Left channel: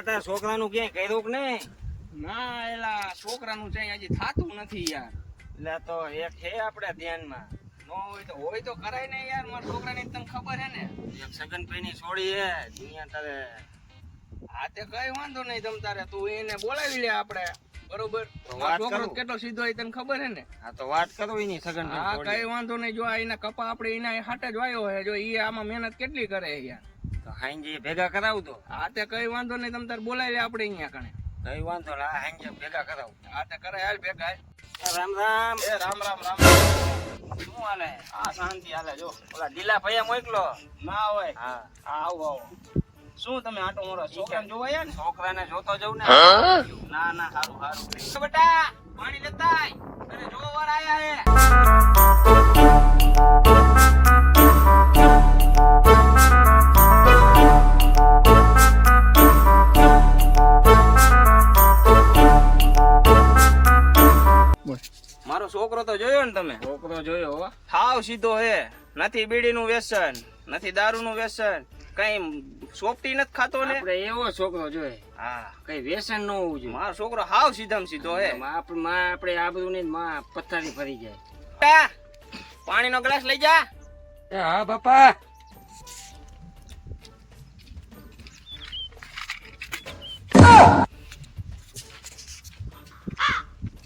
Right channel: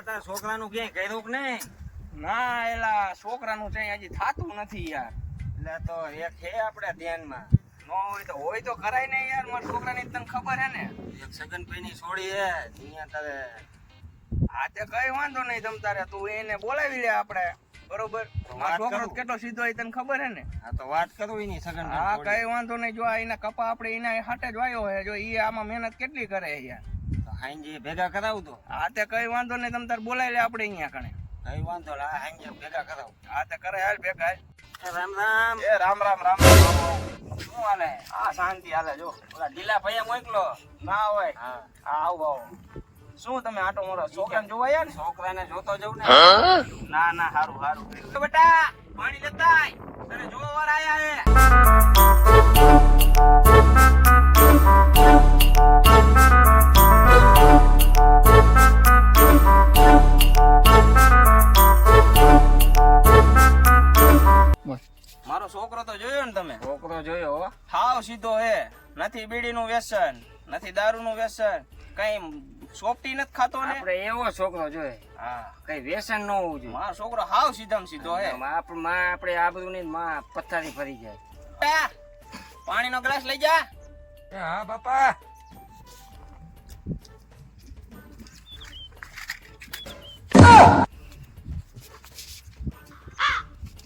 છોકરાનું ક્યાંય કર્યું કે નહીં? ના એલા છોકરાનું છે હજી થાતું નથી યાર. એટલે તો એક છે આપણે ધ્યાનમાં. નો હોય તો હોય તો કરાય ને યાર મારા છોકરાની તને ખબર હે ને. એક સગનભાઈની છોડી હે અહીંયા તારે હા તે કઈ વાંધો નહીં તમ તારે તું એને બોલાવી લે આપણે બરોબર? મારો છોકરો કેટલો સીધો હોય તને ખબર હે ને? હા તો વાત કરું એની હા કઈ વાંધો નહીં જો આ એના કપા આપણે એના હાટે જ વાયો હે જો એ આમાં મહેનત કેટલી કરે યાર? હાંજે ભેગા કરાવતો હા તે કઈ વાંધો નહીં તમ તારે બોલાવી લે આપણે અહીંયા કણે. કઈ વાંધો ના હાંજી ભેગા કરાવું. હા તે કરે હાલ ભેગા રામ રામ. એ રામ રામ રામ રામ. શું હાલે? આ શાંતિ હાલે જો. ઓલા ડીલા ભાઈ મોકલો. ના હોય. હા. હા આવો આવો. શું તમે આટો મોરો છોકરાને જોવા આયા ને છોકરાને જોતો જવું ને. ના ના હારું હારું. તો બેટા પાણી લેતા અરે જોવા વાર આયા હે. મારો છોકરો તો જોયો ને તમે? છોકરો જોયો હો. હાવ સીધો હે. નથી બીડીનું વ્યસન નથી દારૂનું વ્યસન કઈ સોપટી નથી ખાતો ને? આપણે એવો છોકરો જોઈએ હા. કઈ વ્યસન ન હોવું જોઈએ. મારો છોકરો હાવ સીધામ સીધો હે. આપણે માં આપણે આબરૂ ની માં પથ્થારી ફરી જાય. પાણીનો ગ્લાસ લઈ જા. હા બાપા.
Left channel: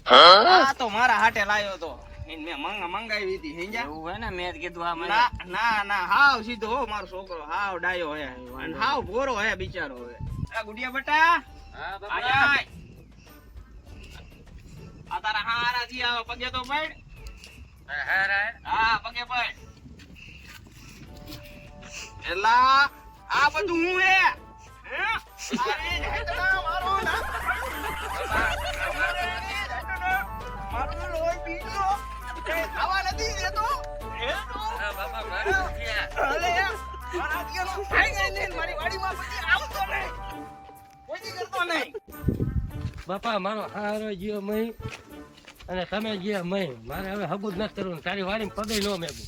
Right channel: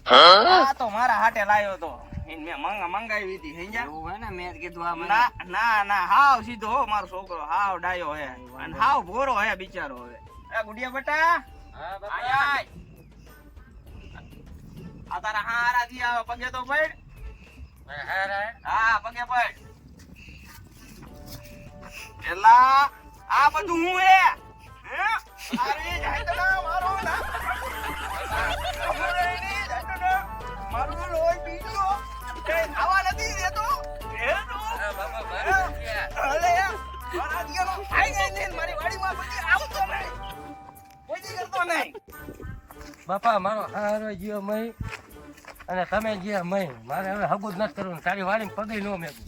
આ તો મારા હાટે લાયો તો. મેં મંગા મંગાવી હતી સમજ્યા એવું હે ને મેં કીધું આ ના ના ના હાવ સીધો હો મારો છોકરો હાવ ડાયો હે. અને હાવ ભોરો હે બિચારો હે એ ગુડિયા બેટા. હા આય આય. આ તારા હારા આવે પગે તો પડ. હા પગે પડ. એલા આ બધું હું હે? હે? અરે જાય તો મારો દી કરતો નહીં. બાપા મારો હારો ગયો મય. અને તમે ગયા મય. મારે હવે હગું જ નથી કરવું તારી વાળી પગે ન મેગું